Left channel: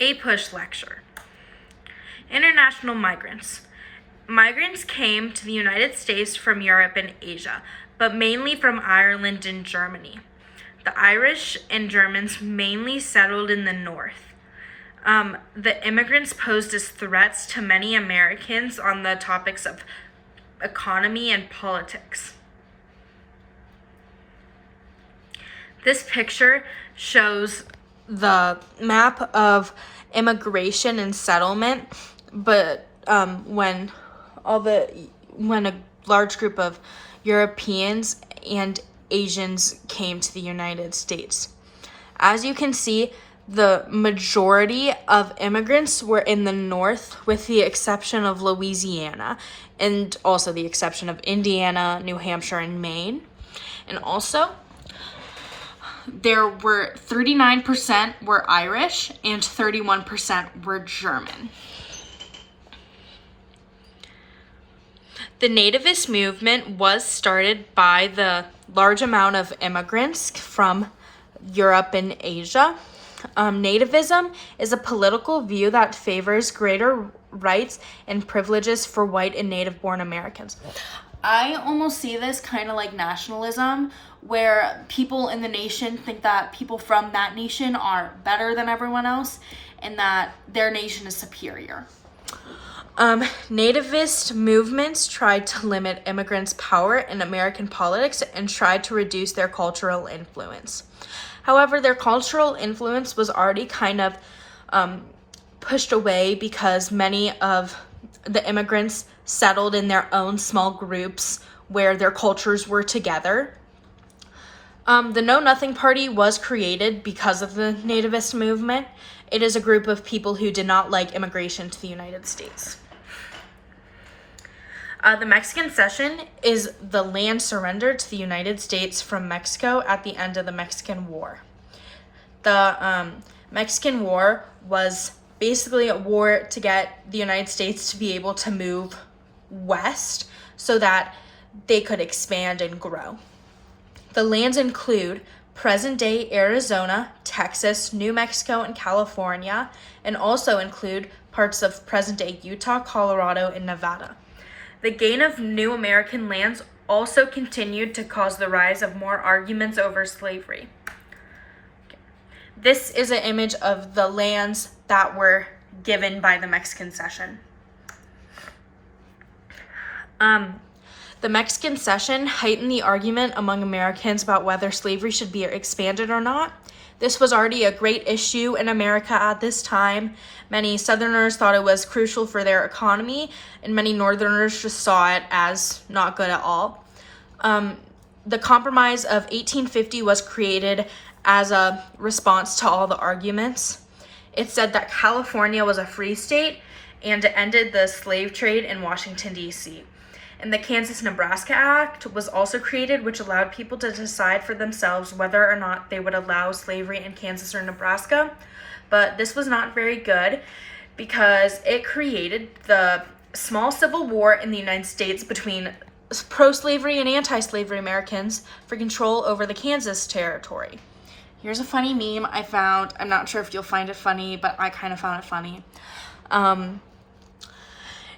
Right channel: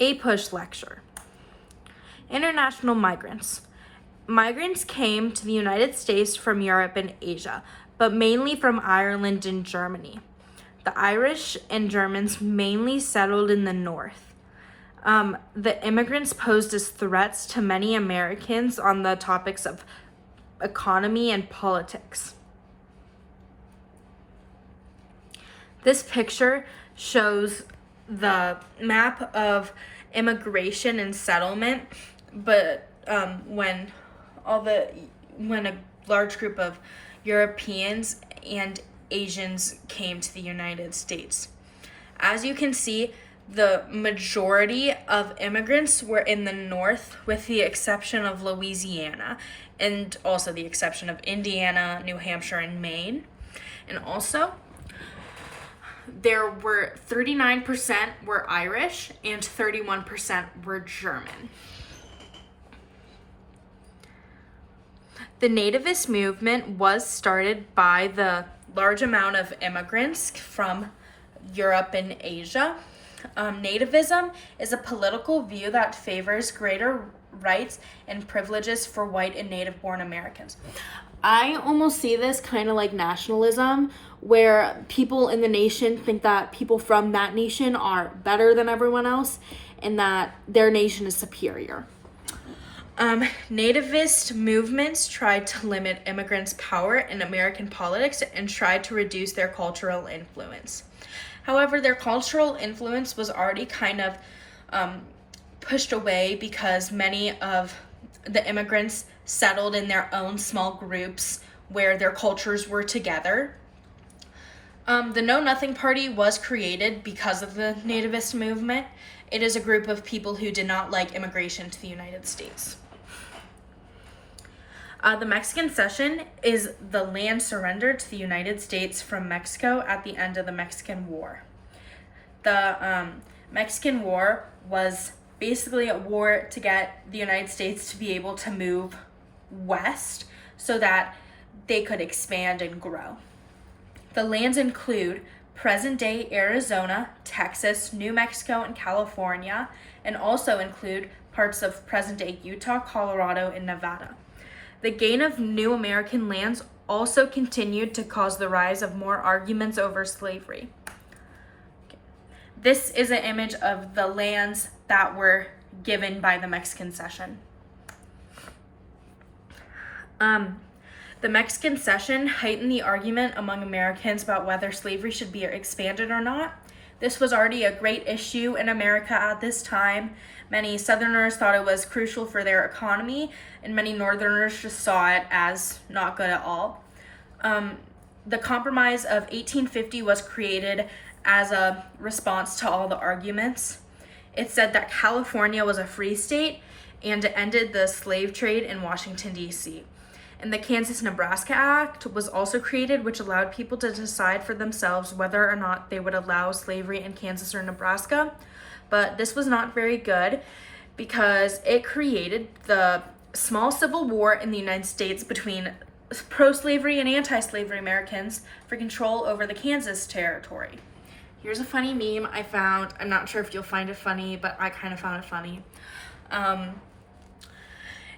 APUSH lecture. International migrants. Migrants came to the United States from Europe and Asia, but mainly from Ireland and Germany. The Irish and Germans mainly settled in the north. The immigrants posed as threats to many Americans on the topics of economy and politics. This picture shows the map of immigration and settlement, but when a large group of Europeans and Asians came to the United States. As you can see, the majority of immigrants were in the north, with the exception of Louisiana, and also the exception of Indiana, New Hampshire, and Maine. And also, there were 39% were Irish and 31% were German. The nativist movement was started by the large amount of immigrants from Europe and Asia. Nativism is a political view that favors greater rights and privileges for white and native-born Americans. I almost see this kind of like nationalism, where people in the nation think that people from that nation are better than everyone else and that their nation is superior. Nativist movements tried to limit immigrants' power in American politics and tried to reduce their cultural influence. However, their cultural influence was already kind of pushed away because many of the immigrants settled in their own small groups where their cultures were together. The Know Nothing Party was created because of the nativist movement. It is a group of people who did not like immigration to the United States. The Mexican Cession is the land surrendered to the United States from Mexico at the end of the Mexican War. The Mexican War was basically a war to get the United States to be able to move west so that they could expand and grow. The lands include present-day Arizona, Texas, New Mexico, and California, and also include parts of present-day Utah, Colorado, and Nevada. The gain of new American lands also continued to cause the rise of more arguments over slavery. This is an image of the lands that were given by the Mexican Cession. The Mexican Cession heightened the argument among Americans about whether slavery should be expanded or not. This was already a great issue in America at this time. Many Southerners thought it was crucial for their economy, and many Northerners just saw it as not good at all. The Compromise of 1850 was created as a response to all the arguments. It said that California was a free state and it ended the slave trade in Washington, D.C. And the Kansas-Nebraska Act was also created, which allowed people to decide for themselves whether or not they would allow slavery in Kansas or Nebraska. But this was not very good because it created the small civil war in the United States between pro-slavery and anti-slavery Americans for control over the Kansas territory. Here's a funny meme I found. I'm not sure if you'll find it funny, but I kind of found it funny.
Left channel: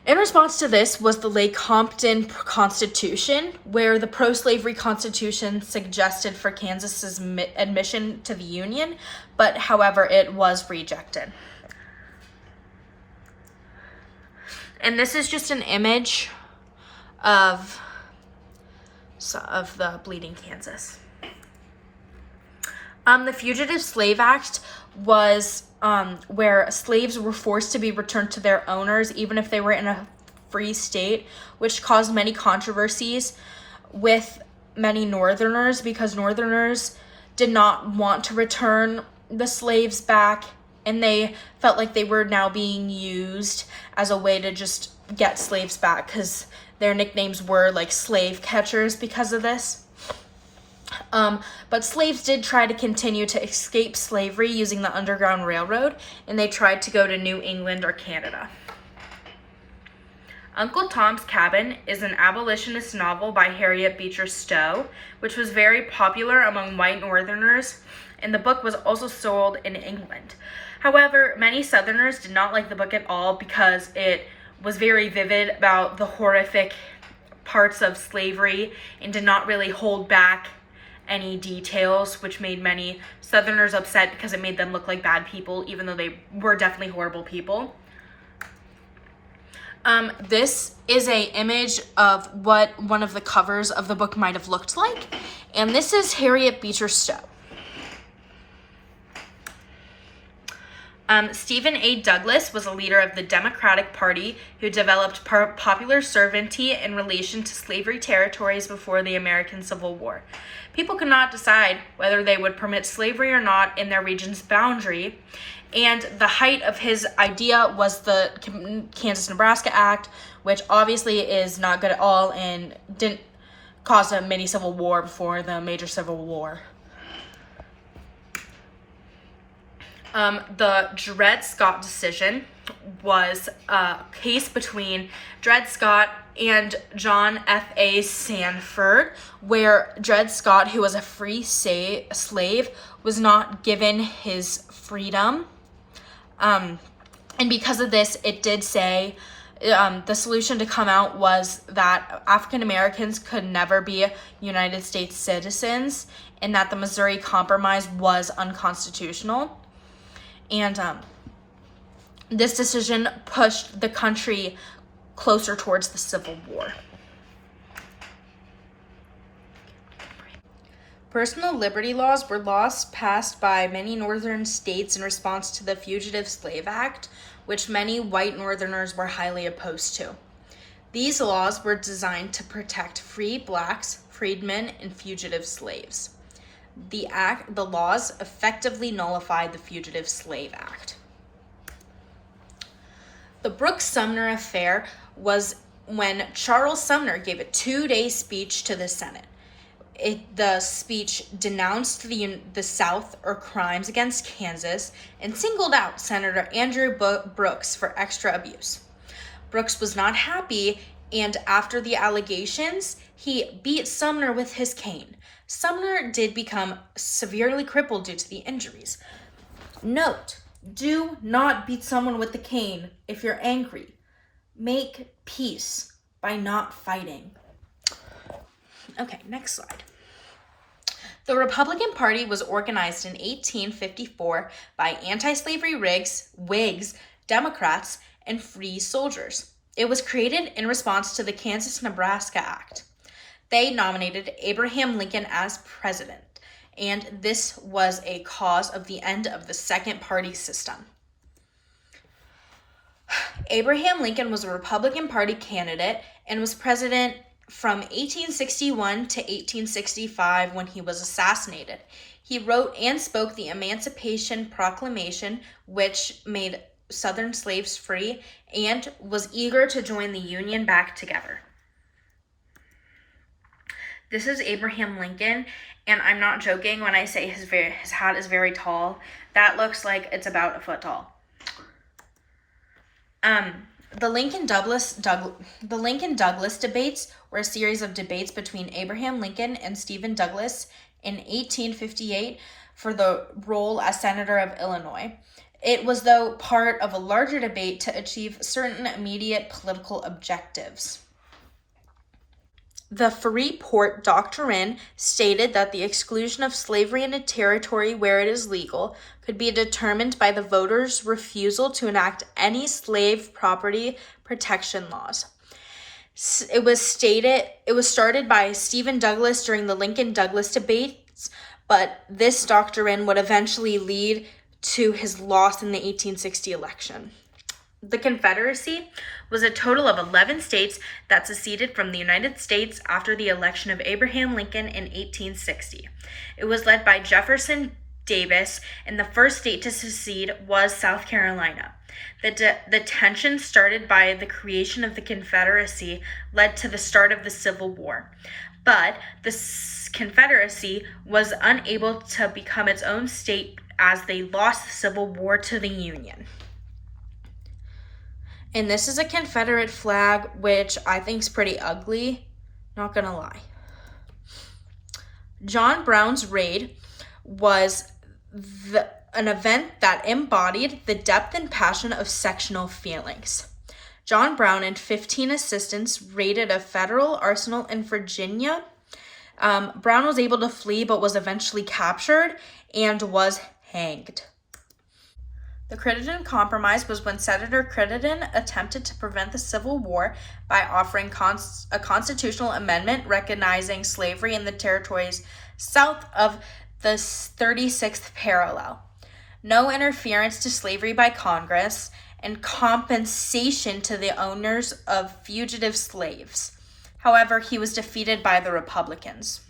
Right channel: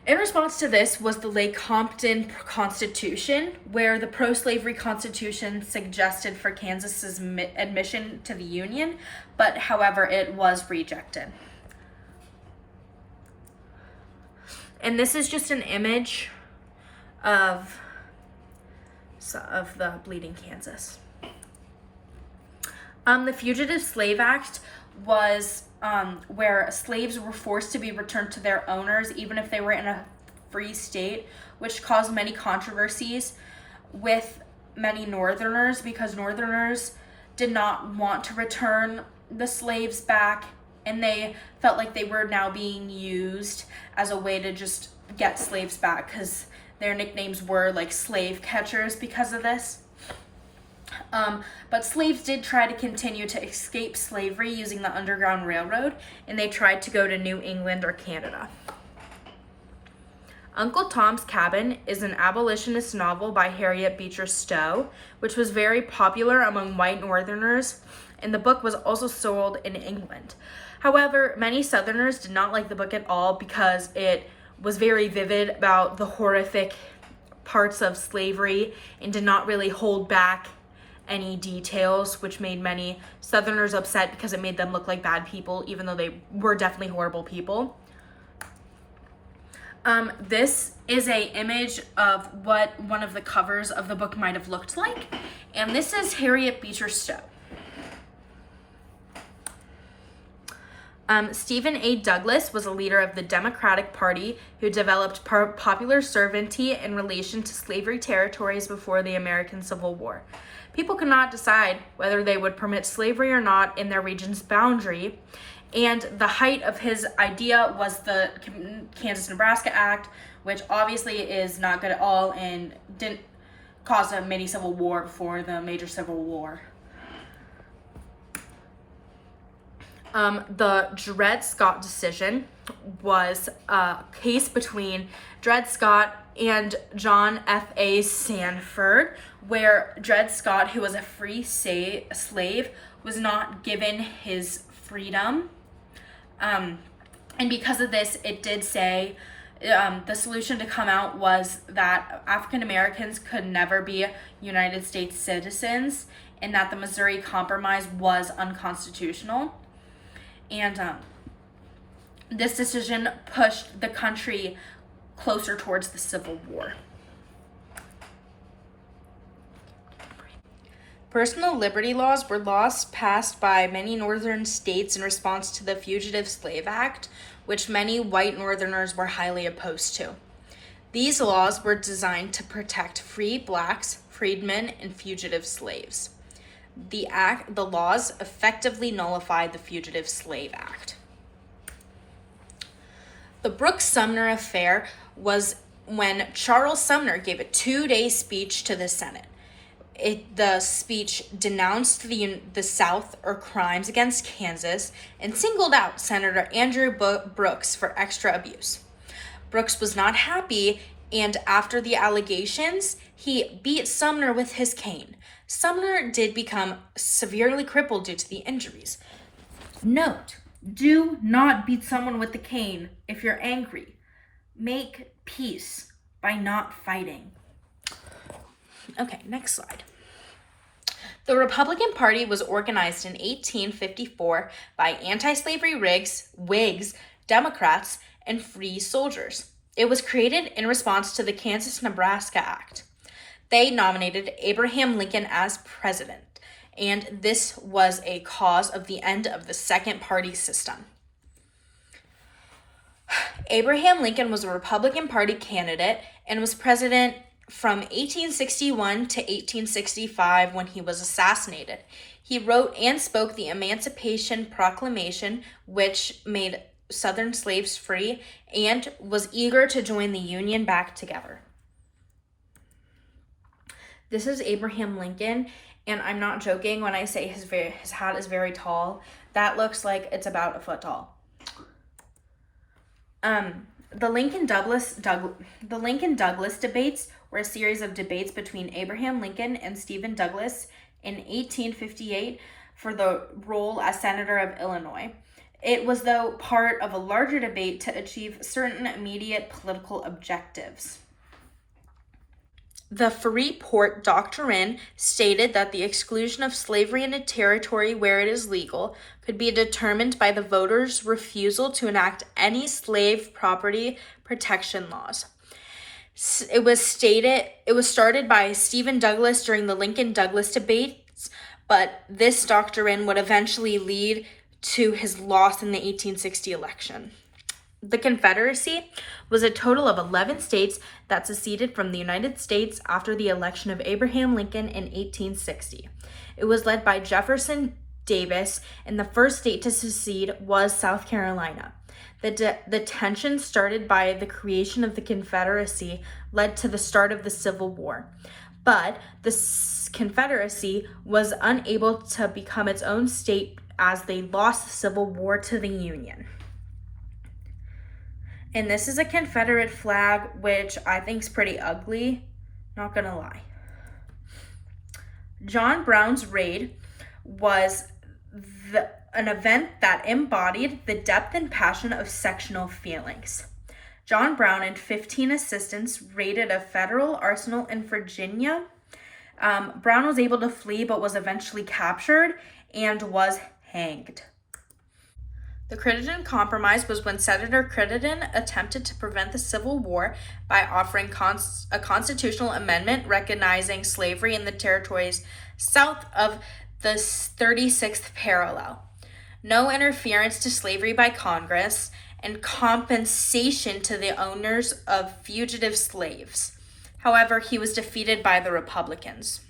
In response to this was the Lecompton Constitution, where the pro-slavery Constitution suggested for Kansas's admission to the Union, but however, it was rejected. And this is just an image of the Bleeding Kansas. The Fugitive Slave Act was where slaves were forced to be returned to their owners even if they were in a free state, which caused many controversies with many Northerners because Northerners did not want to return the slaves back, and they felt like they were now being used as a way to just get slaves back because their nicknames were like slave catchers because of this. But slaves did try to continue to escape slavery using the Underground Railroad, and they tried to go to New England or Canada. Uncle Tom's Cabin is an abolitionist novel by Harriet Beecher Stowe, which was very popular among white Northerners, and the book was also sold in England. However, many Southerners did not like the book at all because it was very vivid about the horrific parts of slavery and did not really hold back any details, which made many Southerners upset because it made them look like bad people, even though they were definitely horrible people. This is an image of what one of the covers of the book might have looked like, and this is Harriet Beecher Stowe. Stephen A. Douglas was a leader of the Democratic Party who developed popular sovereignty in relation to slavery territories before the American Civil War. People could not decide whether they would permit slavery or not in their region's boundary, and the height of his idea was the Kansas-Nebraska Act, which obviously is not good at all and didn't cause a mini civil war before the major civil war. The Dred Scott decision was a case between Dred Scott and John F.A. Sanford, where Dred Scott, who was a free slave, was not given his freedom. And because of this, it did say the solution to come out was that African Americans could never be United States citizens and that the Missouri Compromise was unconstitutional. And this decision pushed the country closer towards the Civil War. Personal liberty laws were laws passed by many northern states in response to the Fugitive Slave Act, which many white northerners were highly opposed to. These laws were designed to protect free blacks, freedmen, and fugitive slaves. The laws effectively nullified the Fugitive Slave Act. The Brooks-Sumner affair was when Charles Sumner gave a 2-day speech to the Senate. The speech denounced the South or crimes against Kansas and singled out Senator Andrew Brooks for extra abuse. Brooks was not happy, and after the allegations, he beat Sumner with his cane. Sumner did become severely crippled due to the injuries. Note, do not beat someone with the cane if you're angry. Make peace by not fighting. Okay, next slide. The Republican Party was organized in 1854 by anti-slavery Whigs, Democrats, and free soldiers. It was created in response to the Kansas-Nebraska Act. They nominated Abraham Lincoln as president, and this was a cause of the end of the second party system. Abraham Lincoln was a Republican Party candidate and was president from 1861 to 1865 when he was assassinated. He wrote and spoke the Emancipation Proclamation, which made Southern slaves free, and was eager to join the Union back together. This is Abraham Lincoln, and I'm not joking when I say his hat is very tall. That looks like it's about a foot tall. The Lincoln-Douglas debates were a series of debates between Abraham Lincoln and Stephen Douglas in 1858 for the role as Senator of Illinois. It was, though, part of a larger debate to achieve certain immediate political objectives. The Freeport Doctrine stated that the exclusion of slavery in a territory where it is legal could be determined by the voters' refusal to enact any slave property protection laws. It was started by Stephen Douglas during the Lincoln-Douglas debates, but this doctrine would eventually lead to his loss in the 1860 election. The Confederacy was a total of 11 states that seceded from the United States after the election of Abraham Lincoln in 1860. It was led by Jefferson Davis, and the first state to secede was South Carolina. The tension started by the creation of the Confederacy led to the start of the Civil War. But the Confederacy was unable to become its own state as they lost the Civil War to the Union. And this is a Confederate flag, which I think is pretty ugly, not gonna lie. John Brown's raid was an event that embodied the depth and passion of sectional feelings. John Brown and 15 assistants raided a federal arsenal in Virginia. Brown was able to flee but was eventually captured and was hanged. The Crittenden Compromise was when Senator Crittenden attempted to prevent the Civil War by offering a constitutional amendment recognizing slavery in the territories south of the 36th parallel, no interference to slavery by Congress, and compensation to the owners of fugitive slaves. However, he was defeated by the Republicans.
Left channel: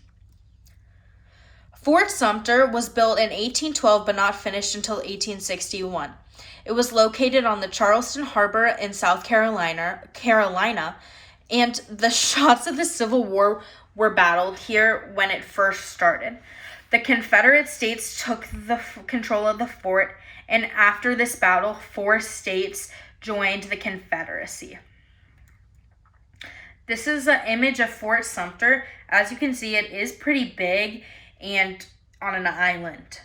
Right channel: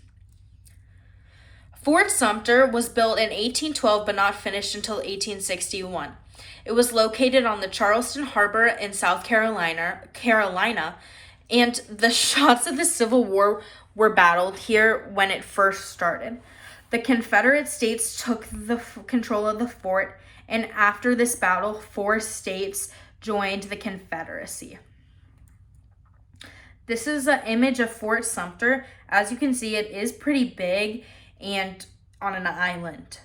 Fort Sumter was built in 1812 but not finished until 1861. It was located on the Charleston Harbor in South Carolina, and the shots of the Civil War were battled here when it first started. The Confederate States took the control of the fort, and after this battle, 4 states joined the Confederacy. This is an image of Fort Sumter. As you can see, it is pretty big and on an island.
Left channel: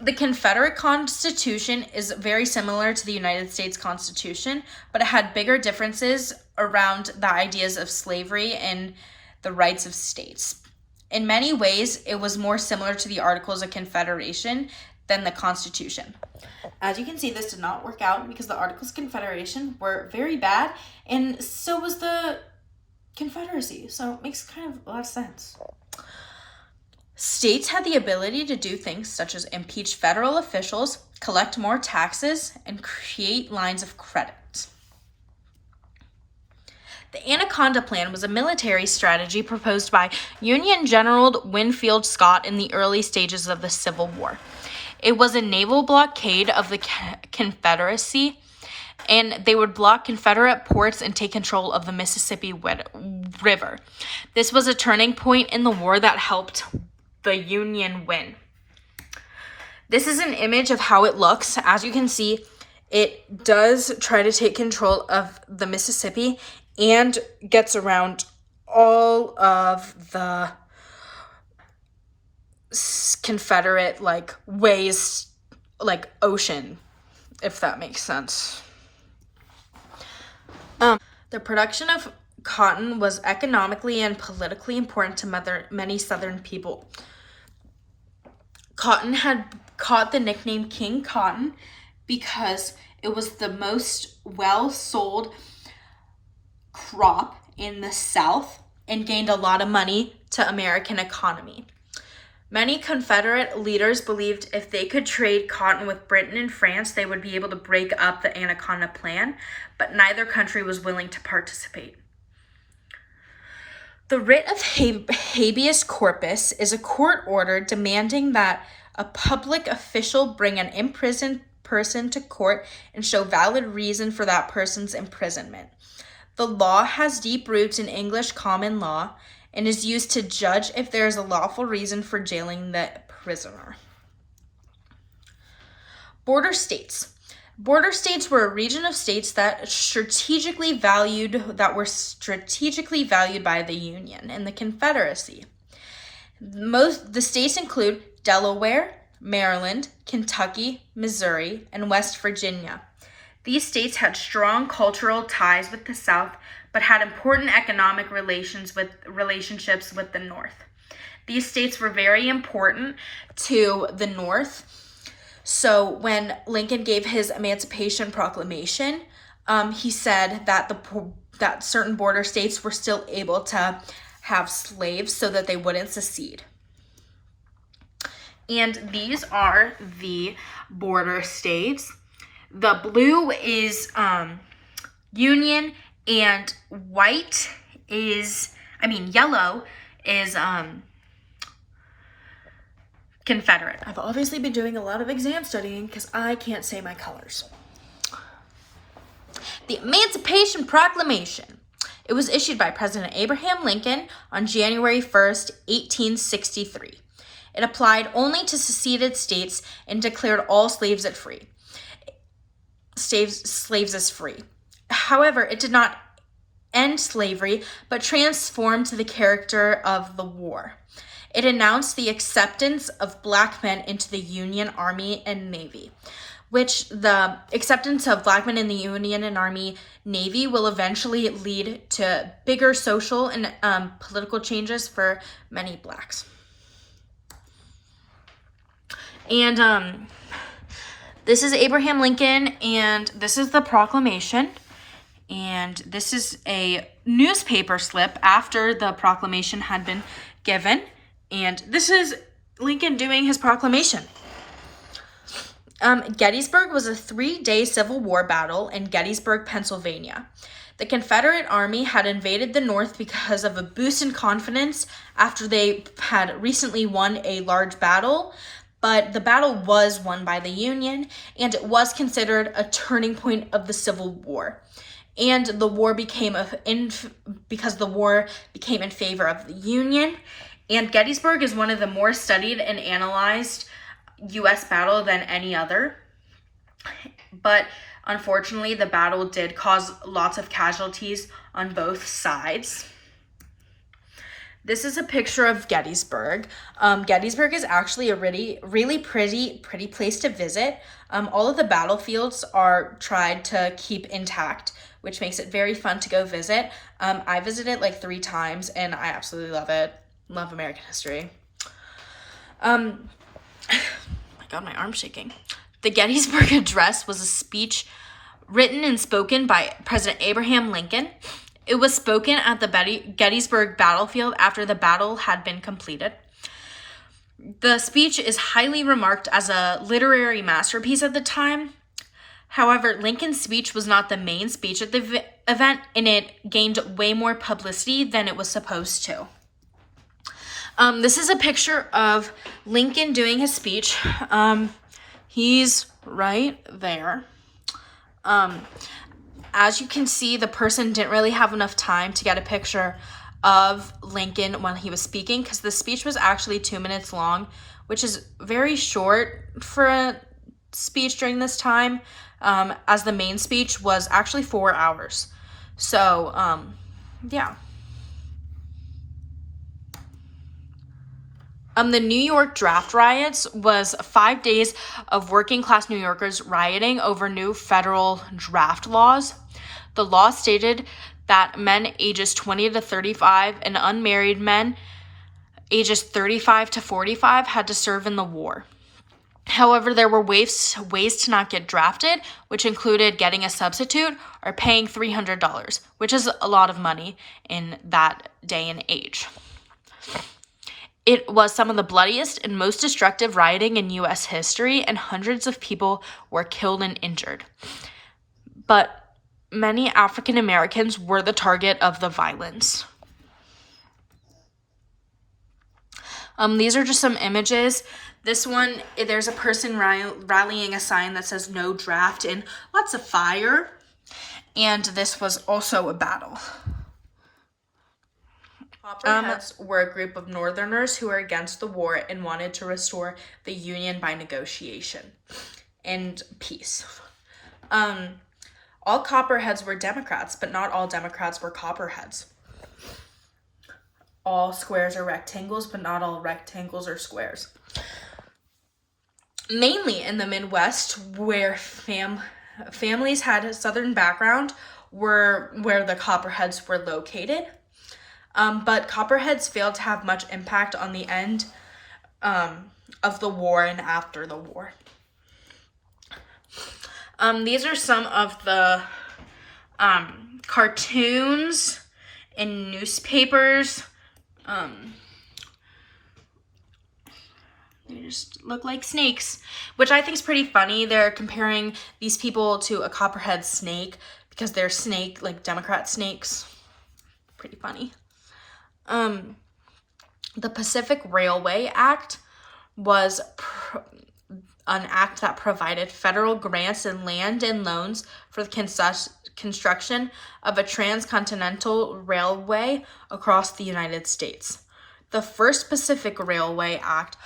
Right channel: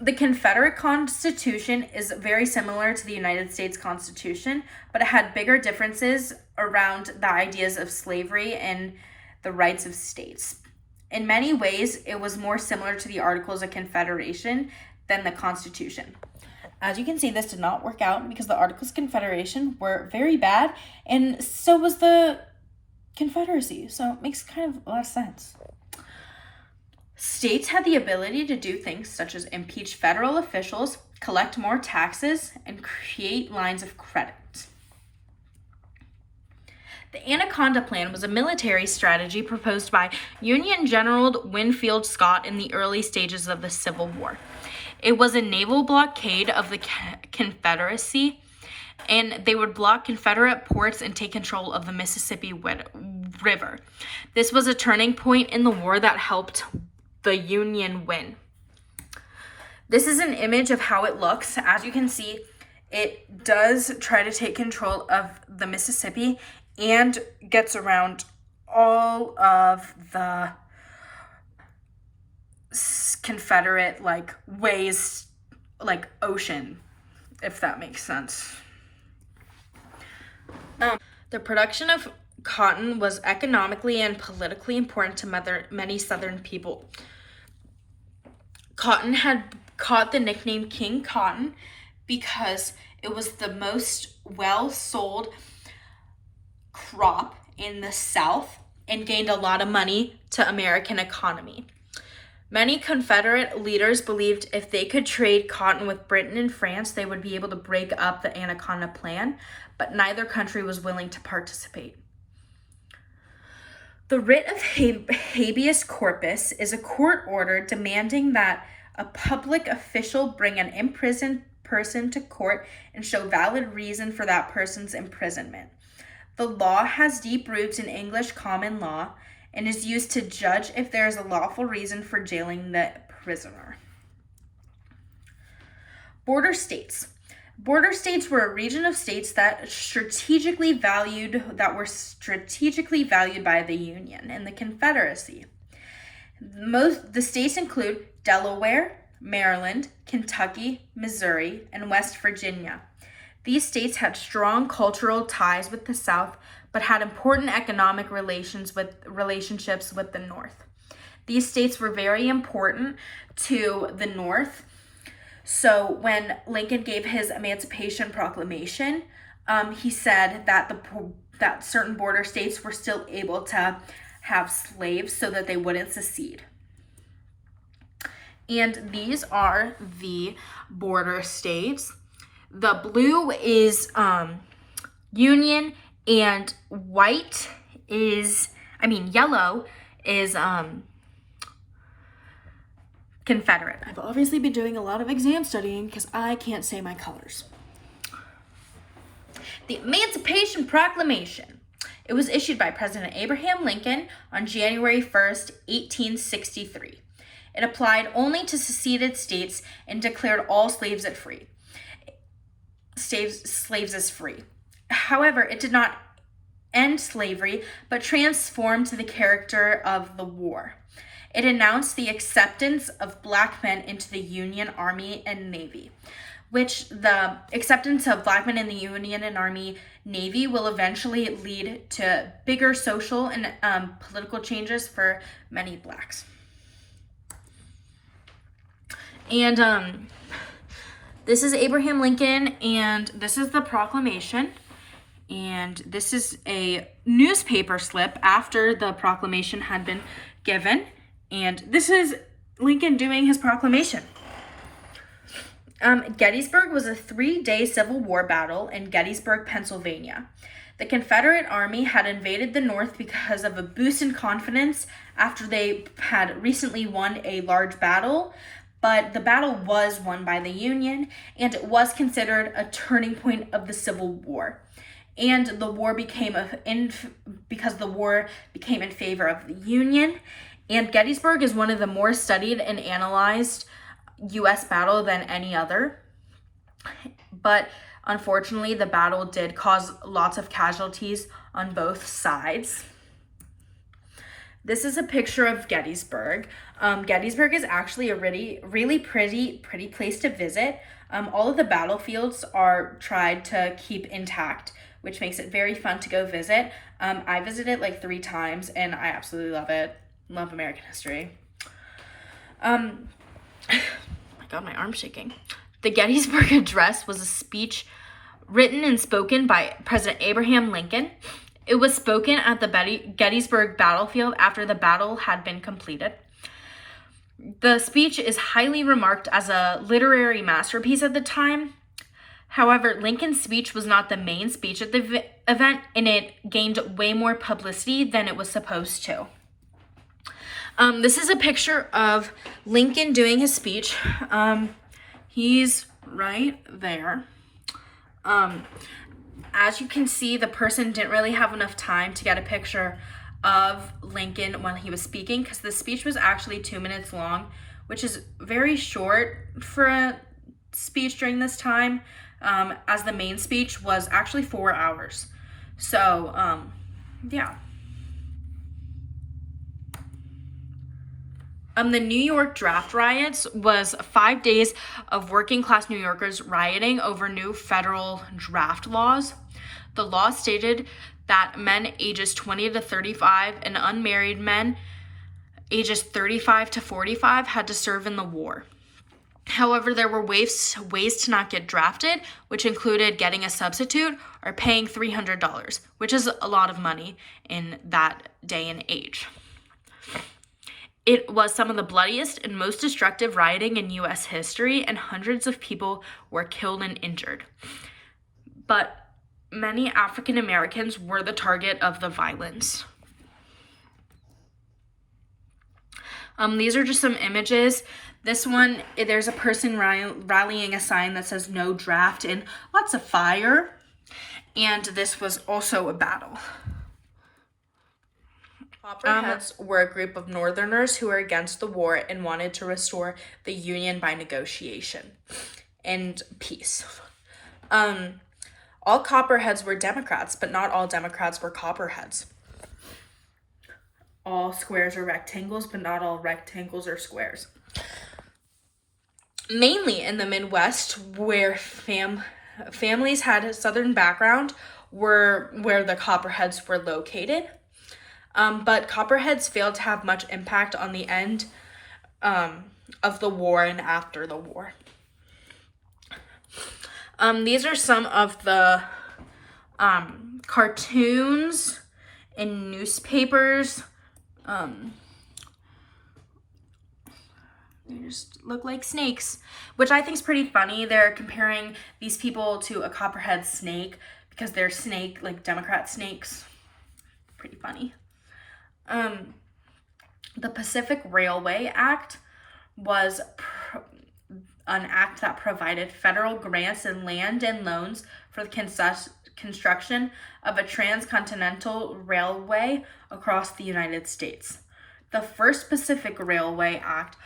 The Confederate Constitution is very similar to the United States Constitution, but it had bigger differences around the ideas of slavery and the rights of states. In many ways, it was more similar to the Articles of Confederation than the Constitution. As you can see, this did not work out because the Articles of Confederation were very bad, and so was the Confederacy, so it makes kind of a lot of sense. States had the ability to do things such as impeach federal officials, collect more taxes, and create lines of credit. The Anaconda Plan was a military strategy proposed by Union General Winfield Scott in the early stages of the Civil War. It was a naval blockade of the Confederacy, and they would block Confederate ports and take control of the Mississippi River. This was a turning point in the war that helped the Union win. This is an image of how it looks. As you can see, it does try to take control of the Mississippi and gets around all of the Confederate ways, ocean, if that makes sense. The production of cotton was economically and politically important to many Southern people. Cotton had caught the nickname King Cotton because it was the most well-sold crop in the South and gained a lot of money to American economy. Many Confederate leaders believed if they could trade cotton with Britain and France, they would be able to break up the Anaconda Plan, but neither country was willing to participate. The writ of habeas corpus is a court order demanding that a public official bring an imprisoned person to court and show valid reason for that person's imprisonment. The law has deep roots in English common law and is used to judge if there is a lawful reason for jailing the prisoner. Border states. Border states were a region of states that were strategically valued by the Union and the Confederacy. The states include Delaware, Maryland, Kentucky, Missouri, and West Virginia. These states had strong cultural ties with the South, but had important economic relationships with the North. These states were very important to the North. So when Lincoln gave his Emancipation Proclamation, he said that certain border states were still able to have slaves so that they wouldn't secede. And these are the border states. The blue is Union, and yellow is Confederate. I've obviously been doing a lot of exam studying because I can't say my colors. The Emancipation Proclamation. It was issued by President Abraham Lincoln on January 1st, 1863. It applied only to seceded states and declared all slaves as free. However, it did not end slavery, but transformed the character of the war. It announced the acceptance of Black men into the Union Army and Navy, which the acceptance of Black men in the Union and Army Navy will eventually lead to bigger social and political changes for many Blacks. And this is Abraham Lincoln, and this is the proclamation. And this is a newspaper slip after the proclamation had been given. And this is Lincoln doing his proclamation. Gettysburg was a 3-day Civil War battle in Gettysburg, Pennsylvania. The Confederate Army had invaded the North because of a boost in confidence after they had recently won a large battle, but the battle was won by the Union, and it was considered a turning point of the Civil War. And the war became because the war became in favor of the Union. And Gettysburg is one of the more studied and analyzed U.S. battle than any other. But unfortunately, the battle did cause lots of casualties on both sides. This is a picture of Gettysburg. Gettysburg is actually a really pretty place to visit. All of the battlefields are tried to keep intact, which makes it very fun to go visit. I visited like 3 times, and I absolutely love it. Love American history. My God, my arm's shaking. The Gettysburg Address was a speech written and spoken by President Abraham Lincoln. It was spoken at the Gettysburg battlefield after the battle had been completed. The speech is highly remarked as a literary masterpiece at the time. However, Lincoln's speech was not the main speech at the event, and it gained way more publicity than it was supposed to. This is a picture of Lincoln doing his speech. He's right there. As you can see, the person didn't really have enough time to get a picture of Lincoln when he was speaking, because the speech was actually 2 minutes long, which is very short for a speech during this time, as the main speech was actually 4 hours. So, yeah. The New York draft riots was 5 days of working class New Yorkers rioting over new federal draft laws. The law stated that men ages 20 to 35 and unmarried men ages 35 to 45 had to serve in the war. However, there were ways to not get drafted, which included getting a substitute or paying $300, which is a lot of money in that day and age. It was some of the bloodiest and most destructive rioting in U.S. history, and hundreds of people were killed and injured. But many African Americans were the target of the violence. These are just some images. This one, there's a person rallying a sign that says "No draft" and lots of fire. And this was also a battle. Copperheads were a group of Northerners who were against the war and wanted to restore the Union by negotiation and peace. All Copperheads were Democrats, but not all Democrats were Copperheads. All squares are rectangles, but not all rectangles are squares. Mainly in the Midwest, where families had a Southern background, were where the Copperheads were located. But Copperheads failed to have much impact on the end of the war and after the war. These are some of the cartoons in newspapers. They just look like snakes, which I think is pretty funny. They're comparing these people to a copperhead snake because they're like Democrat snakes. Pretty funny. The Pacific Railway Act was an act that provided federal grants and land and loans for the construction of a transcontinental railway across the United States. The first Pacific Railway Act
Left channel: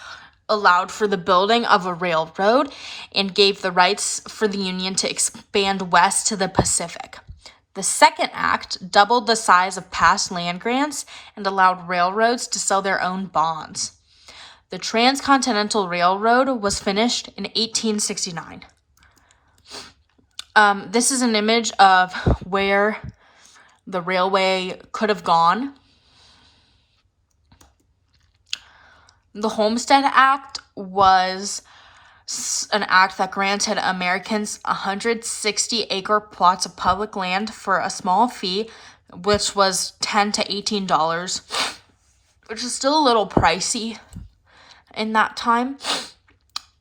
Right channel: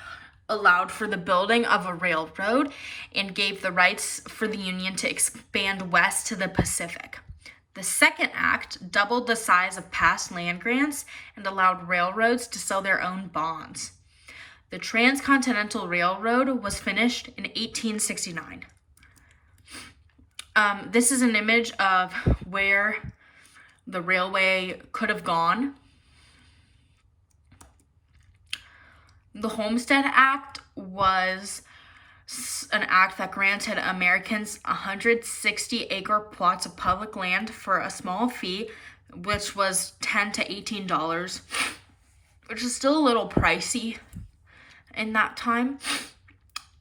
allowed for the building of a railroad and gave the rights for the Union to expand west to the Pacific. The second act doubled the size of past land grants and allowed railroads to sell their own bonds. The Transcontinental Railroad was finished in 1869. This is an image of where the railway could have gone. The Homestead Act was an act that granted Americans 160-acre plots of public land for a small fee, which was $10 to $18, which is still a little pricey in that time.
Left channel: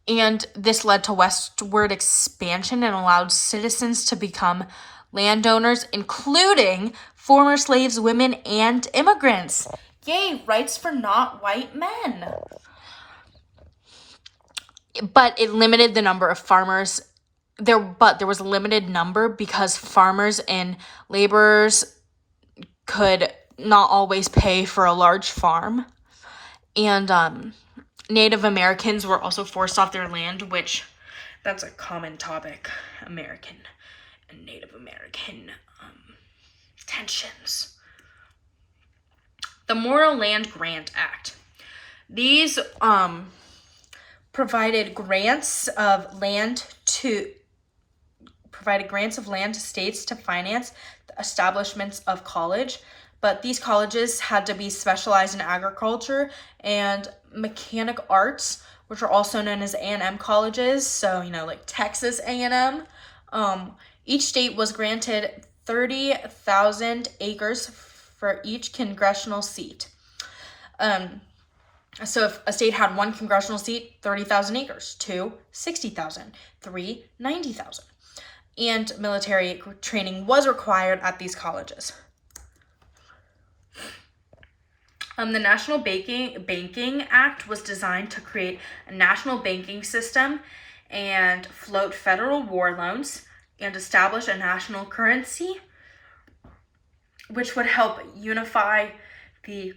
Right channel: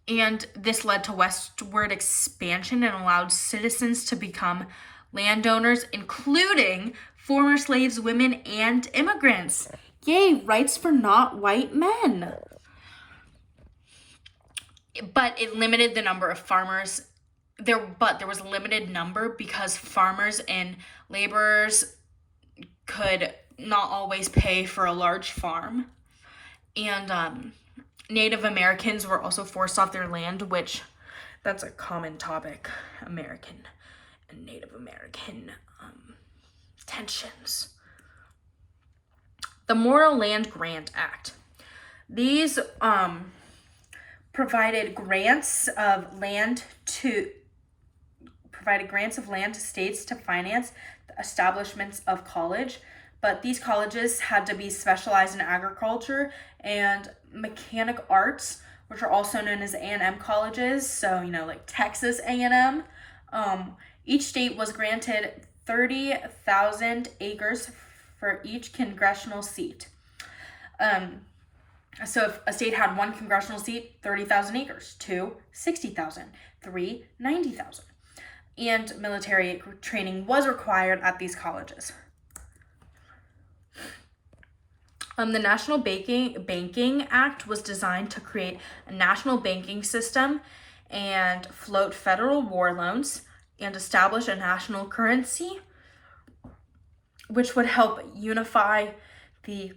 And this led to westward expansion and allowed citizens to become landowners, including former slaves, women, and immigrants. Yay, rights for not white men. But it limited the number of farmers. There was a limited number because farmers and laborers could not always pay for a large farm. And Native Americans were also forced off their land, which that's a common topic, American and Native American tensions. The Morrill Land Grant Act. These provided grants of land to states to finance the establishments of college, but these colleges had to be specialized in agriculture and mechanic arts, which are also known as A&M colleges, so like Texas A&M. Each state was granted 30,000 acres for each congressional seat. So if a state had one congressional seat, 30,000 acres. 2, 60,000. 3, 90,000. And military training was required at these colleges. The National Banking Act was designed to create a national banking system and float federal war loans and establish a national currency, which would help unify the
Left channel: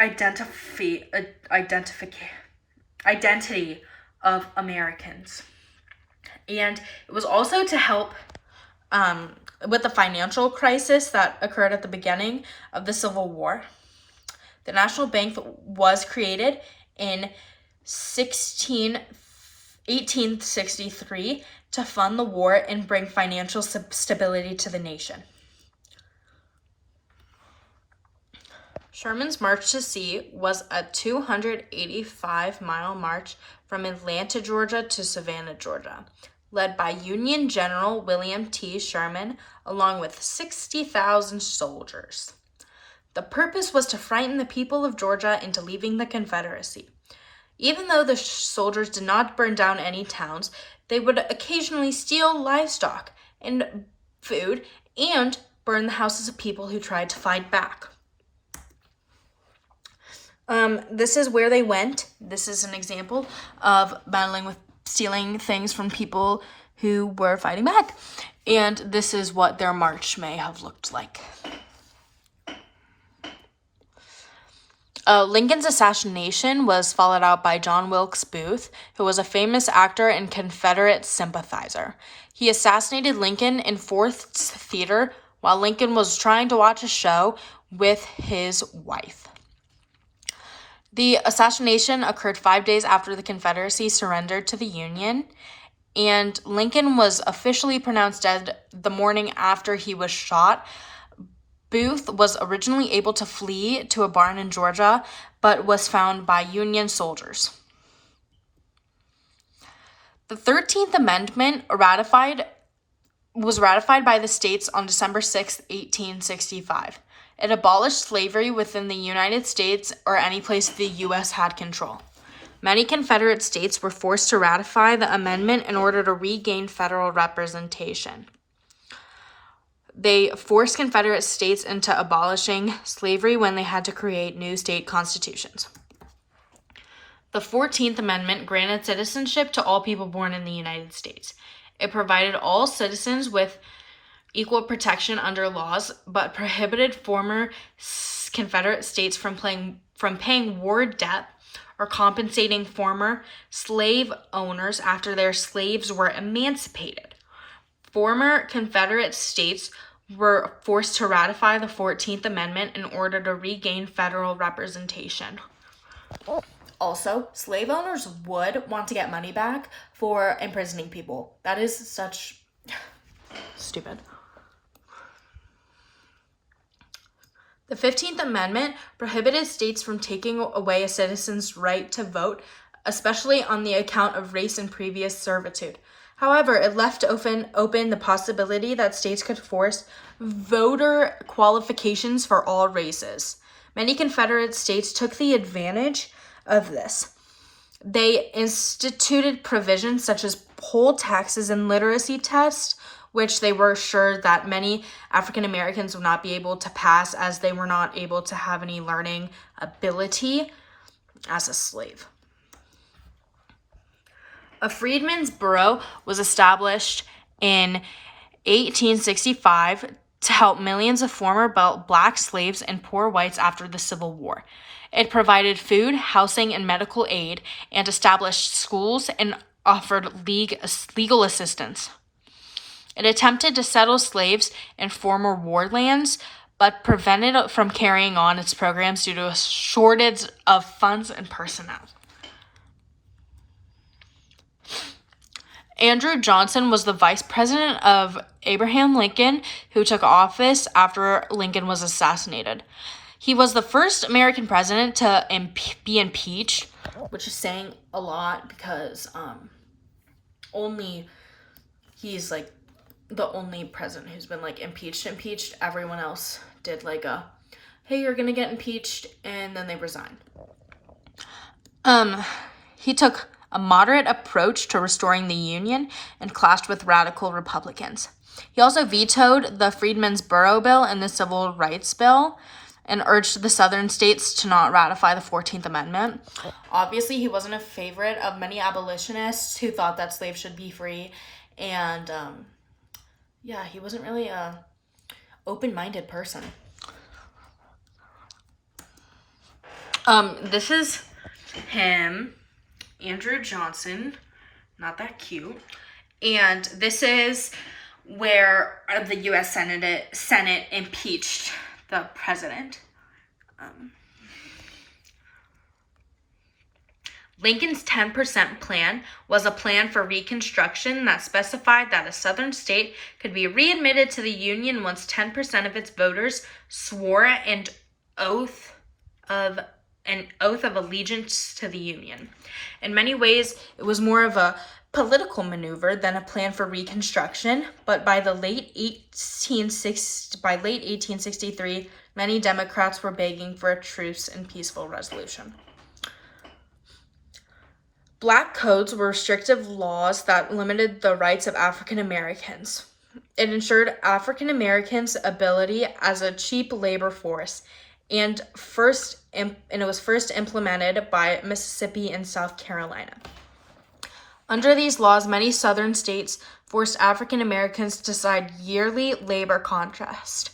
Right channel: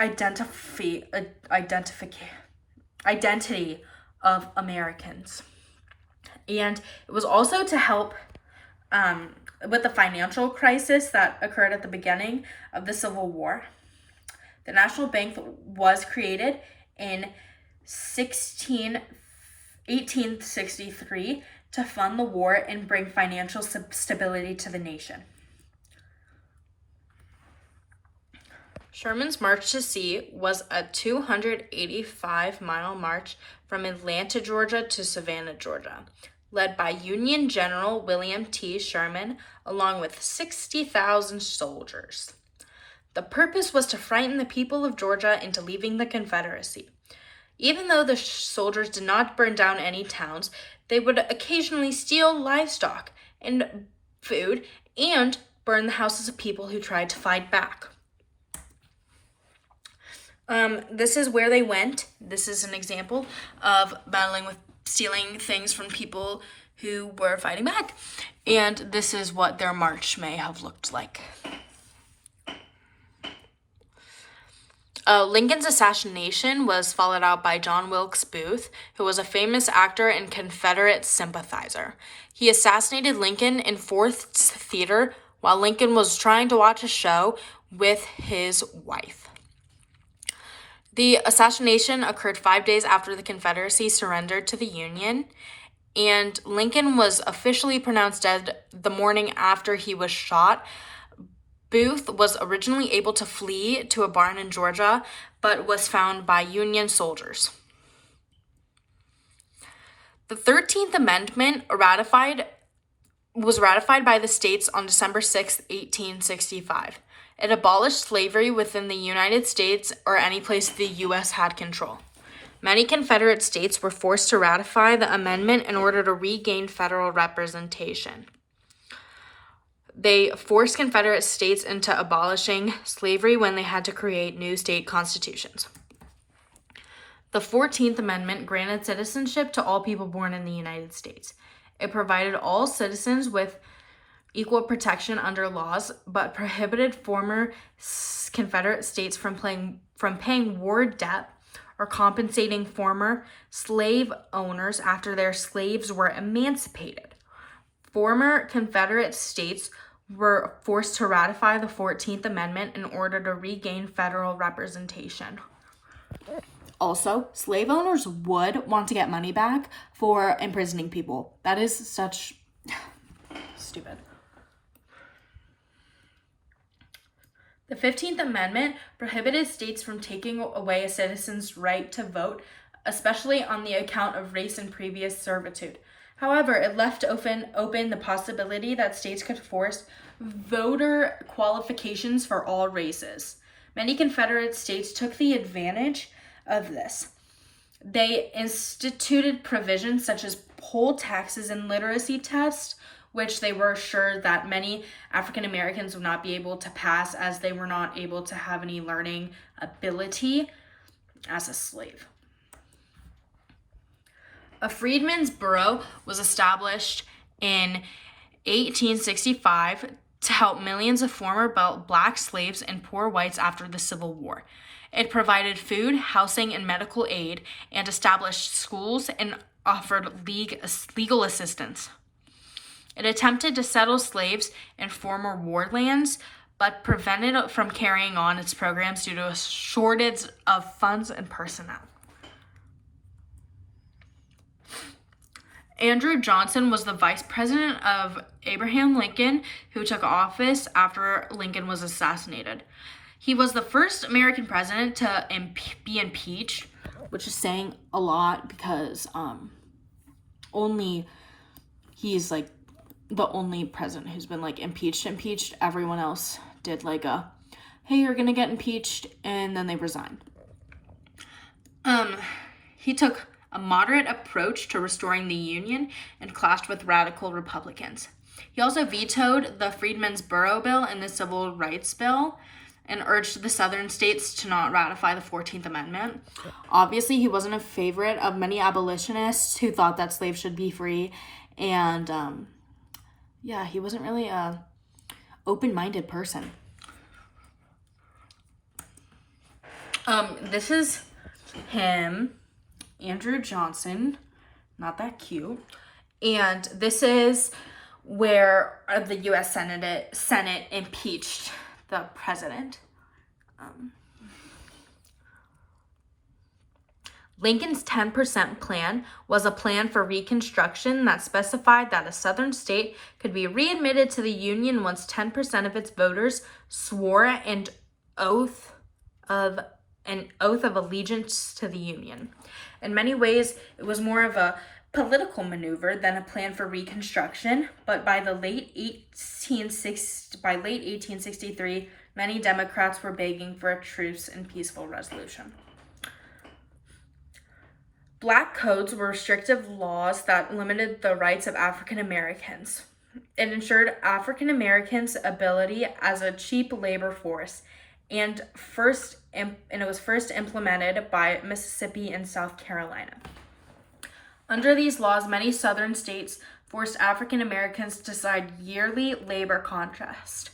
identity of Americans. And it was also to help with the financial crisis that occurred at the beginning of the Civil War. The National Bank was created in 1863 to fund the war and bring financial stability to the nation. Sherman's March to Sea was a 285-mile march from Atlanta, Georgia to Savannah, Georgia, led by Union General William T. Sherman, along with 60,000 soldiers. The purpose was to frighten the people of Georgia into leaving the Confederacy. Even though the soldiers did not burn down any towns, they would occasionally steal livestock and food and burn the houses of people who tried to fight back. This is where they went. This is an example of battling with stealing things from people who were fighting back. And this is what their march may have looked like. Lincoln's assassination was followed out by John Wilkes Booth, who was a famous actor and Confederate sympathizer. He assassinated Lincoln in Ford's Theater while Lincoln was trying to watch a show with his wife. The assassination occurred 5 days after the Confederacy surrendered to the Union, and Lincoln was officially pronounced dead the morning after he was shot. Booth was originally able to flee to a barn in Georgia, but was found by Union soldiers. The 13th Amendment was ratified by the states on December 6, 1865. It abolished slavery within the United States or any place the U.S. had control. Many Confederate states were forced to ratify the amendment in order to regain federal representation. They forced Confederate states into abolishing slavery when they had to create new state constitutions. The 14th Amendment granted citizenship to all people born in the United States. It provided all citizens with equal protection under laws, but prohibited former Confederate states from paying war debt or compensating former slave owners after their slaves were emancipated. Former Confederate states were forced to ratify the 14th Amendment in order to regain federal representation. Also, slave owners would want to get money back for imprisoning people. That is such stupid. The 15th Amendment prohibited states from taking away a citizen's right to vote, especially on the account of race and previous servitude. However, it left open the possibility that states could force voter qualifications for all races. Many Confederate states took the advantage of this. They instituted provisions such as poll taxes and literacy tests, which they were sure that many African Americans would not be able to pass, as they were not able to have any learning ability as a slave. A freedmen's bureau was established in 1865 to help millions of former black slaves and poor whites after the Civil War. It provided food, housing, and medical aid, and established schools and offered legal assistance. It attempted to settle slaves in former war lands, but prevented it from carrying on its programs due to a shortage of funds and personnel. Andrew Johnson was the vice president of Abraham Lincoln, who took office after Lincoln was assassinated. He was the first American president to be impeached, which is saying a lot because he's like the only president who's been like impeached. Everyone else did like hey, you're gonna get impeached, and then they resign. He took a moderate approach to restoring the Union and clashed with radical Republicans. He also vetoed the Freedmen's Bureau Bill and the Civil Rights Bill and urged the Southern states to not ratify the 14th Amendment. Obviously, he wasn't a favorite of many abolitionists who thought that slaves should be free, and he wasn't really a open-minded person. This is him, Andrew Johnson, not that cute, and this is where the U.S. Senate impeached the president. Lincoln's 10% plan was a plan for Reconstruction that specified that a Southern state could be readmitted to the Union once 10% of its voters swore an oath of allegiance to the Union. In many ways, it was more of a political maneuver than a plan for Reconstruction, but by late 1863, many Democrats were begging for a truce and peaceful resolution. Black codes were restrictive laws that limited the rights of African Americans. It ensured African Americans' ability as a cheap labor force, and it was first implemented by Mississippi and South Carolina. Under these laws, many Southern states forced African Americans to sign yearly labor contracts.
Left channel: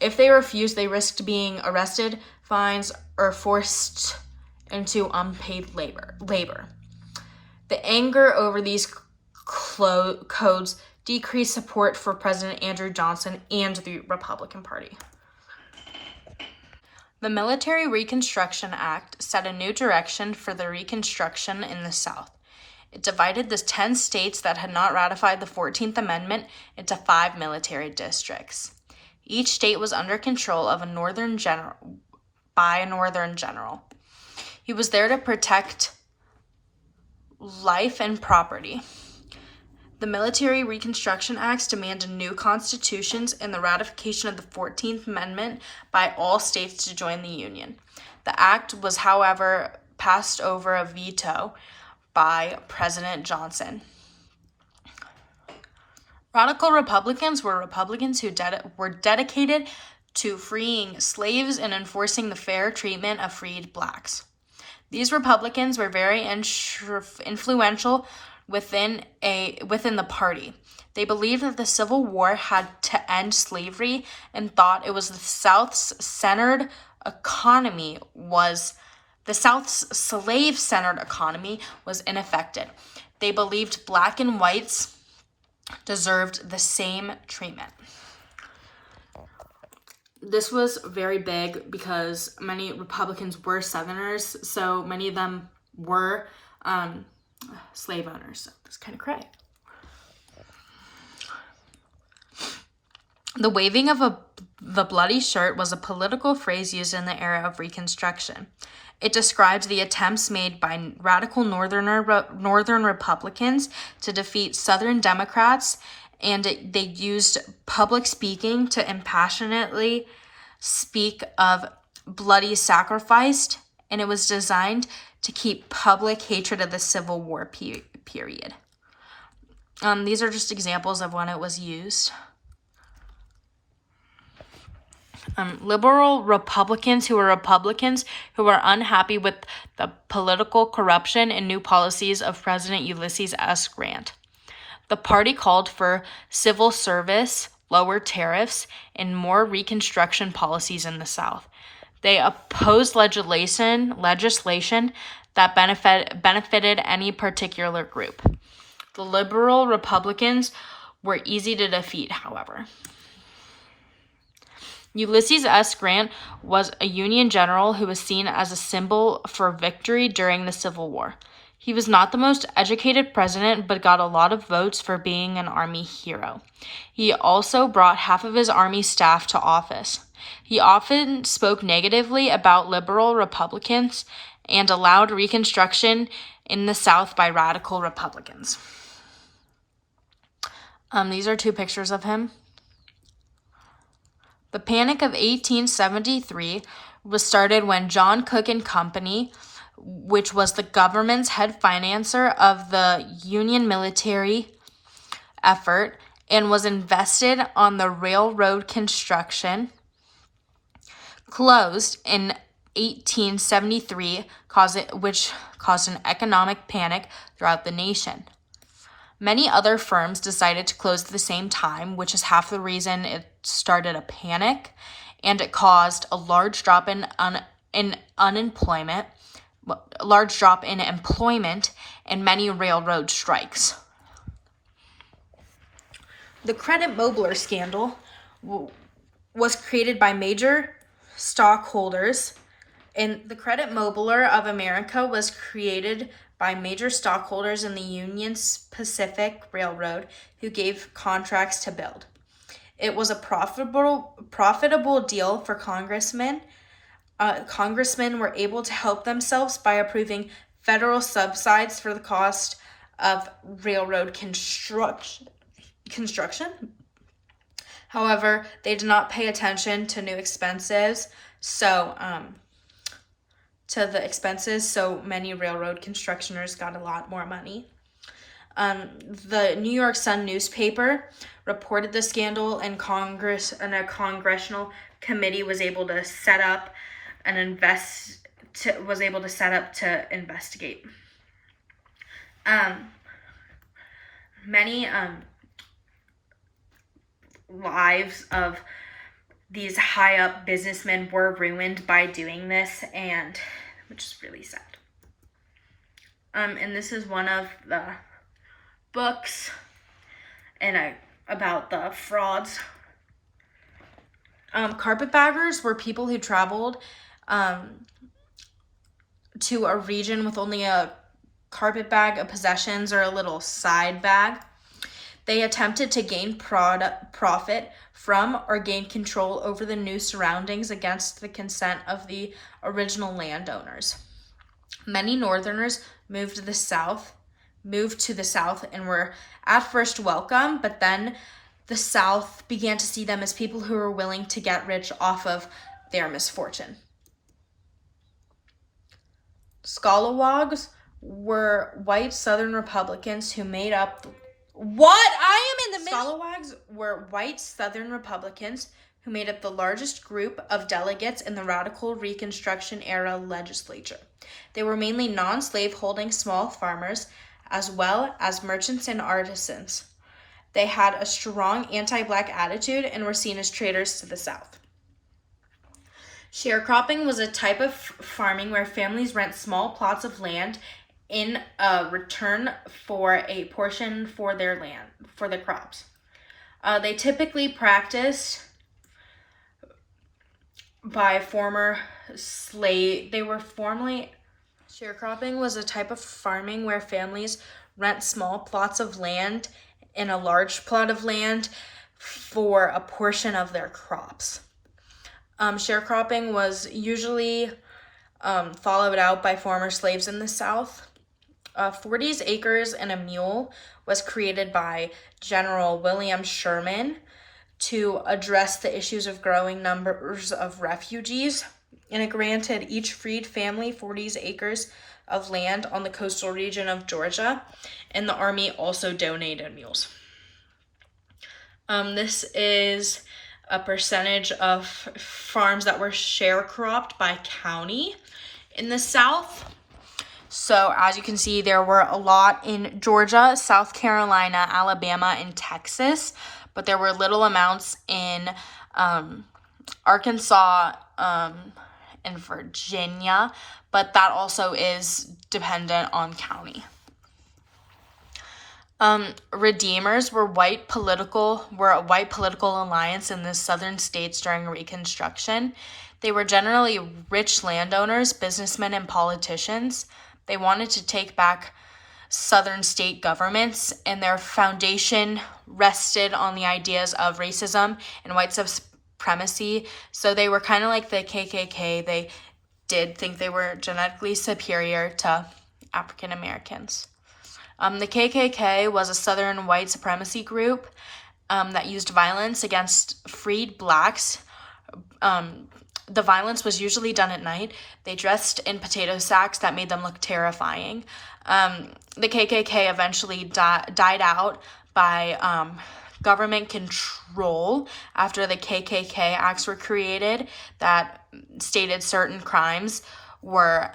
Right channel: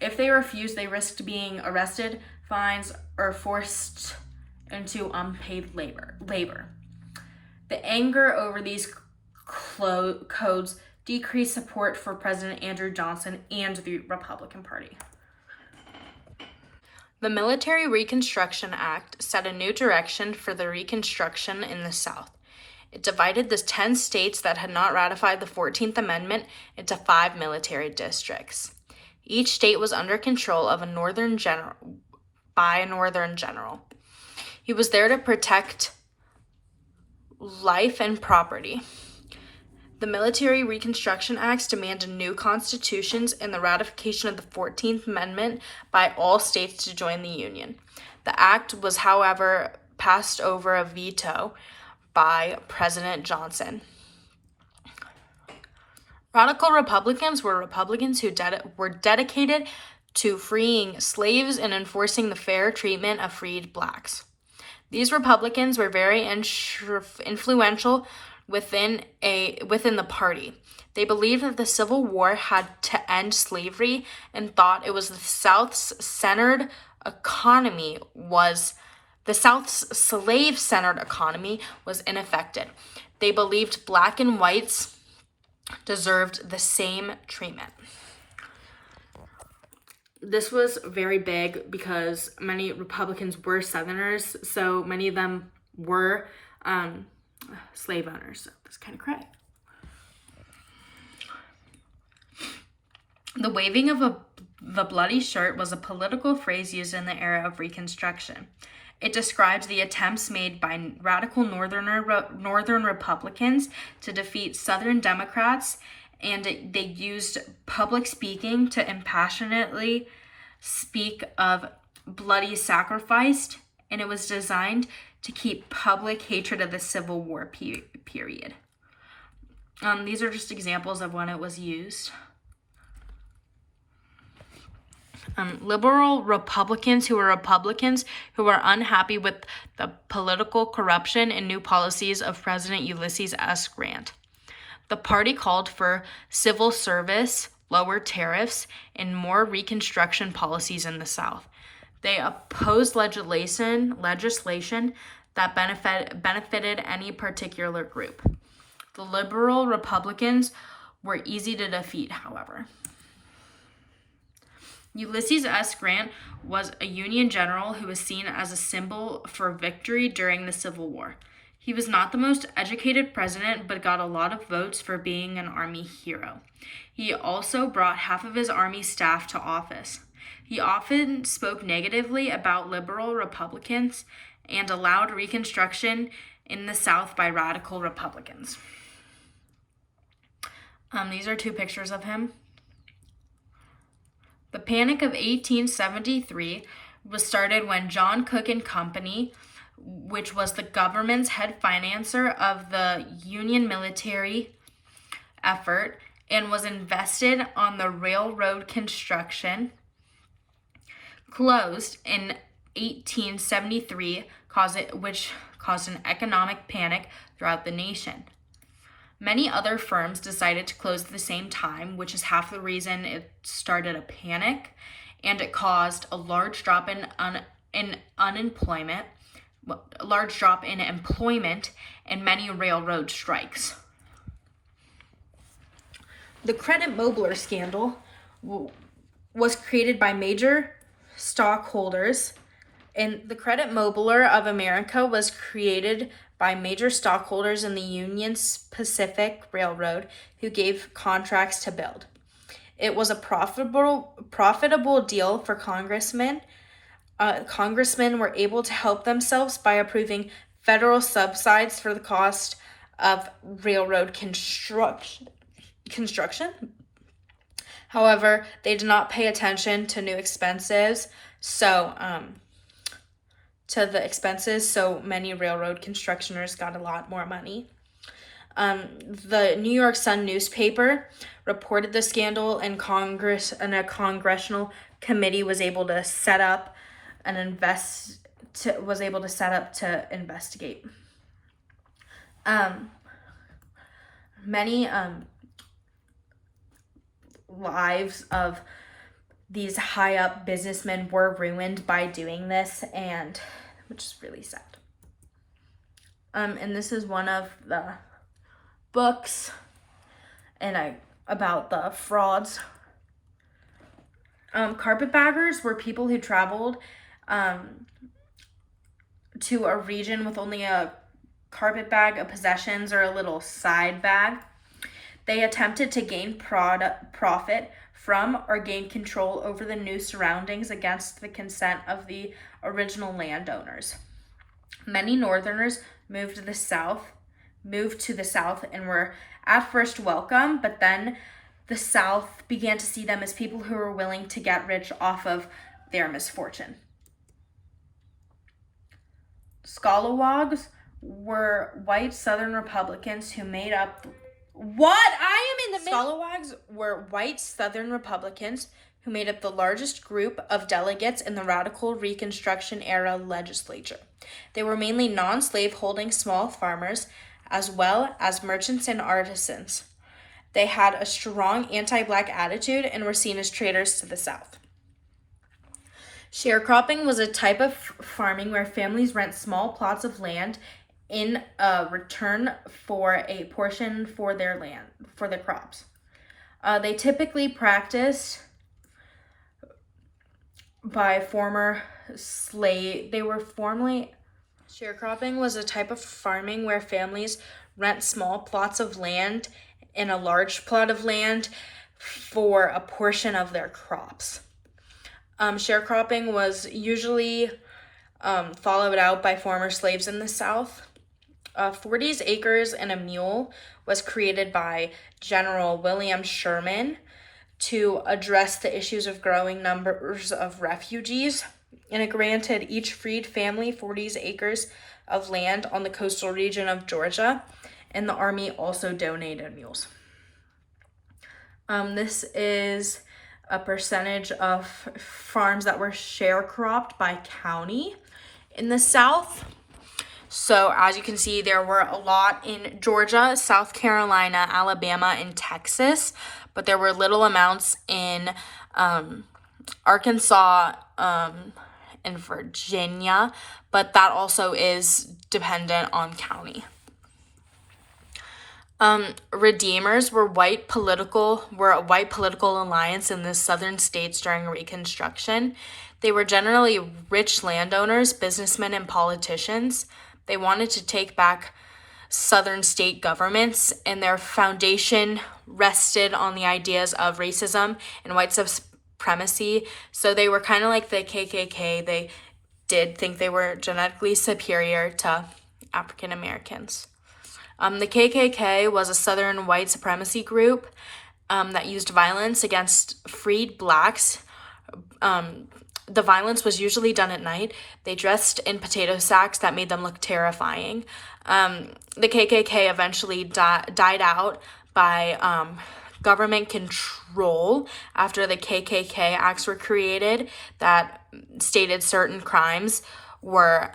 If they refused, they risked being arrested, fines, or forced into unpaid labor. The anger over these codes decreased support for President Andrew Johnson and the Republican Party. The Military Reconstruction Act set a new direction for the Reconstruction in the South. It divided the 10 states that had not ratified the 14th Amendment into 5 military districts. Each state was under control of a northern general. He was there to protect life and property. The Military Reconstruction Acts demanded new constitutions and the ratification of the 14th Amendment by all states to join the Union. The act was, however, passed over a veto by President Johnson. Radical Republicans were Republicans who were dedicated to freeing slaves and enforcing the fair treatment of freed blacks. These Republicans were very influential within the party. They believed that the Civil War had to end slavery and thought it was the South's slave-centered economy was unaffected. They believed black and whites deserved the same treatment. This was very big because many Republicans were Southerners, so many of them were slave owners. So that's kind of cray. The waving of the bloody shirt was a political phrase used in the era of Reconstruction. It described the attempts made by radical Northern Republicans to defeat Southern Democrats, and they used public speaking to impassionately speak of bloody sacrifice, and it was designed to keep public hatred of the Civil War period. These are just examples of when it was used. Liberal Republicans who were unhappy with the political corruption and new policies of President Ulysses S. Grant. The party called for civil service, lower tariffs, and more Reconstruction policies in the South. They opposed legislation that benefited any particular group. The liberal Republicans were easy to defeat, however. Ulysses S. Grant was a Union general who was seen as a symbol for victory during the Civil War. He was not the most educated president, but got a lot of votes for being an Army hero. He also brought half of his Army staff to office. He often spoke negatively about liberal Republicans and allowed Reconstruction in the South by radical Republicans. These are two pictures of him. The Panic of 1873 was started when John Cook and Company, which was the government's head financer of the Union military effort and was invested on the railroad construction, closed in 1873, which caused an economic panic throughout the nation. Many other firms decided to close at the same time, which is half the reason it started a panic, and it caused a large drop in employment, and many railroad strikes. The credit Mobler scandal was created by major stockholders, and the Credit Mobler of America was created by major stockholders in the Union Pacific Railroad who gave contracts to build. It was a profitable deal for congressmen. Congressmen were able to help themselves by approving federal subsidies for the cost of railroad construction. However, they did not pay attention to new expenses, so many railroad constructioners got a lot more money. The New York Sun newspaper reported the scandal, and a congressional committee was able to set up to investigate. Many lives of these high up businessmen were ruined by doing this, and which is really sad. And this is one of the books about the frauds. Carpetbaggers were people who traveled to a region with only a carpet bag of possessions or a little side bag. They attempted to gain profit from or gain control over the new surroundings against the consent of the original landowners. Many Northerners moved to the South and were at first welcome, but then the South began to see them as people who were willing to get rich off of their misfortune. Scalawags were white Southern Republicans who made up Scalawags were white Southern Republicans who made up the largest group of delegates in the radical Reconstruction era legislature. They were mainly non-slave holding small farmers, as well as merchants and artisans. They had a strong anti-black attitude and were seen as traitors to the South. Sharecropping was a type of farming where families rent small plots of land in return for a portion for their crops. They typically practiced by former slave. They were formerly sharecropping was a type of farming where families rent small plots of land in a large plot of land for a portion of their crops. Sharecropping was usually followed out by former slaves in the South. 40 acres and a mule was created by General William Sherman to address the issues of growing numbers of refugees, and it granted each freed family 40 acres of land on the coastal region of Georgia, and the Army also donated mules. This is a percentage of farms that were sharecropped by county in the South. So as you can see, there were a lot in Georgia, South Carolina, Alabama, and Texas, but there were little amounts in Arkansas and Virginia, but that also is dependent on county. Redeemers were a white political alliance in the southern states during Reconstruction. They were generally rich landowners, businessmen, and politicians. They wanted to take back southern state governments, and their foundation rested on the ideas of racism and white supremacy. So they were kind of like the KKK. They did think they were genetically superior to African Americans. The KKK was a Southern white supremacy group that used violence against freed blacks. The violence was usually done at night. They dressed in potato sacks that made them look terrifying. The KKK eventually died out by government control after the KKK Acts were created that stated certain crimes were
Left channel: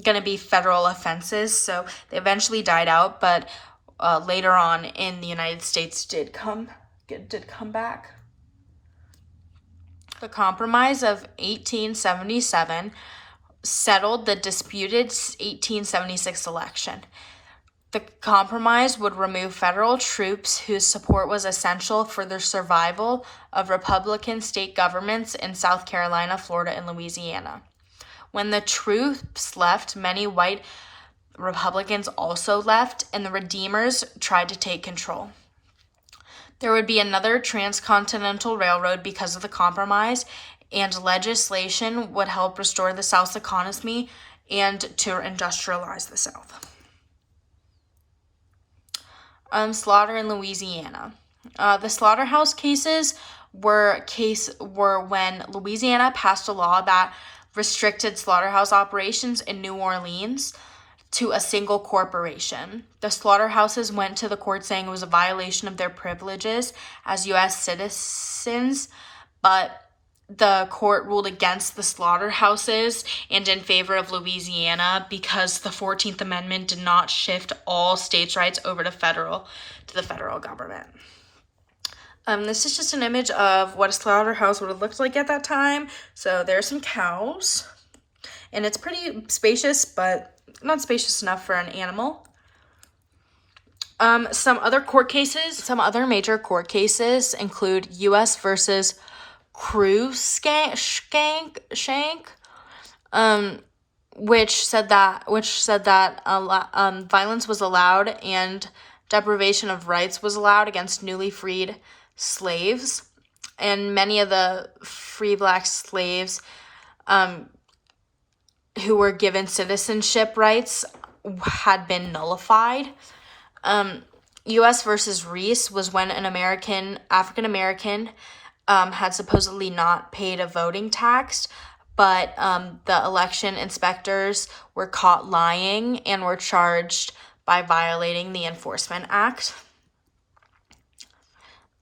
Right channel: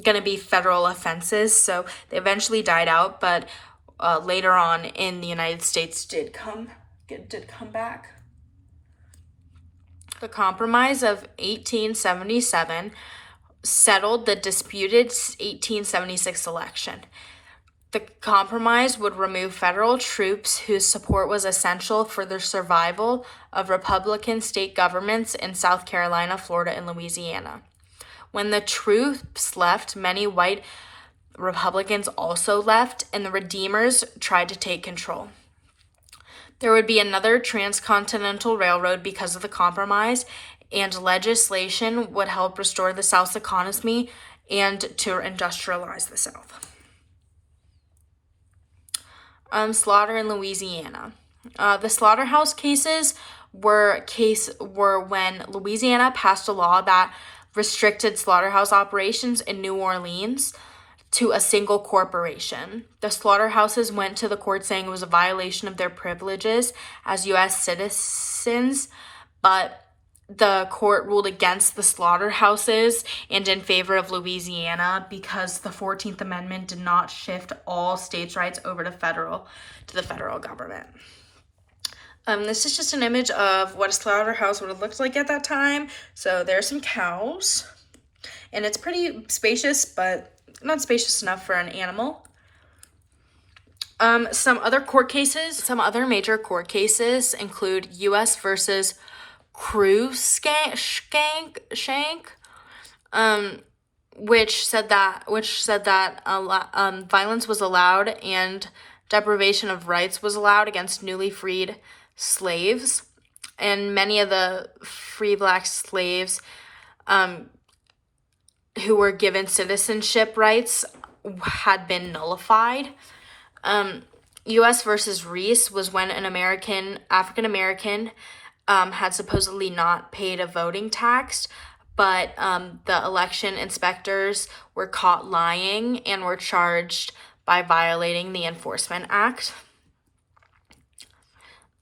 going to be federal offenses, so they eventually died out, but later on in the United States did come back. The Compromise of 1877 settled the disputed 1876 election. The compromise would remove federal troops whose support was essential for the survival of Republican state governments in South Carolina, Florida, and Louisiana. When the troops left, many white Republicans also left, and the Redeemers tried to take control. There would be another transcontinental railroad because of the compromise, and legislation would help restore the South's economy and to industrialize the South. Slaughter in Louisiana. The slaughterhouse cases were when Louisiana passed a law that restricted slaughterhouse operations in New Orleans to a single corporation. The slaughterhouses went to the court saying it was a violation of their privileges as U.S. citizens, but the court ruled against the slaughterhouses and in favor of Louisiana because the 14th Amendment did not shift all states' rights over to the federal government. This is just an image of what a slaughterhouse would have looked like at that time. So there are some cows, and it's pretty spacious, but not spacious enough for an animal. Some other major court cases include U.S. versus Cruikshank, which said that violence was allowed and deprivation of rights was allowed against newly freed slaves, and many of the free black slaves who were given citizenship rights had been nullified. U.S. versus Reese was when an African American had supposedly not paid a voting tax, but the election inspectors were caught lying and were charged by violating the Enforcement Act.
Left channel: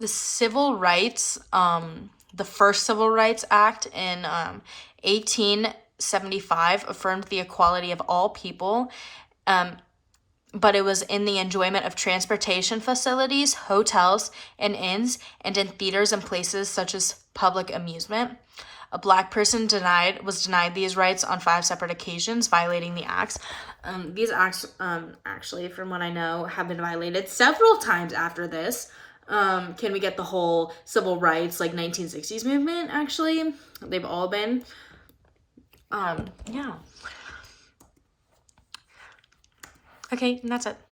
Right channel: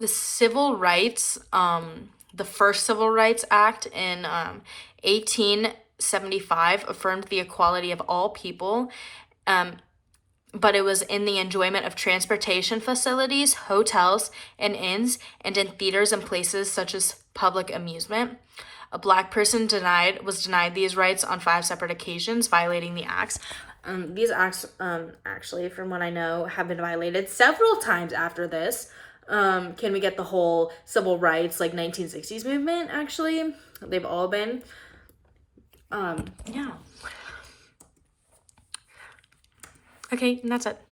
The first Civil Rights Act in 1875 affirmed the equality of all people, but it was in the enjoyment of transportation facilities, hotels, and inns, and in theaters and places such as public amusement. A black person was denied these rights on 5 separate occasions, violating the acts. These acts, actually, from what I know, have been violated several times after this. Can we get the whole civil rights, like 1960s movement, actually? They've all been. Yeah. Okay, and that's it.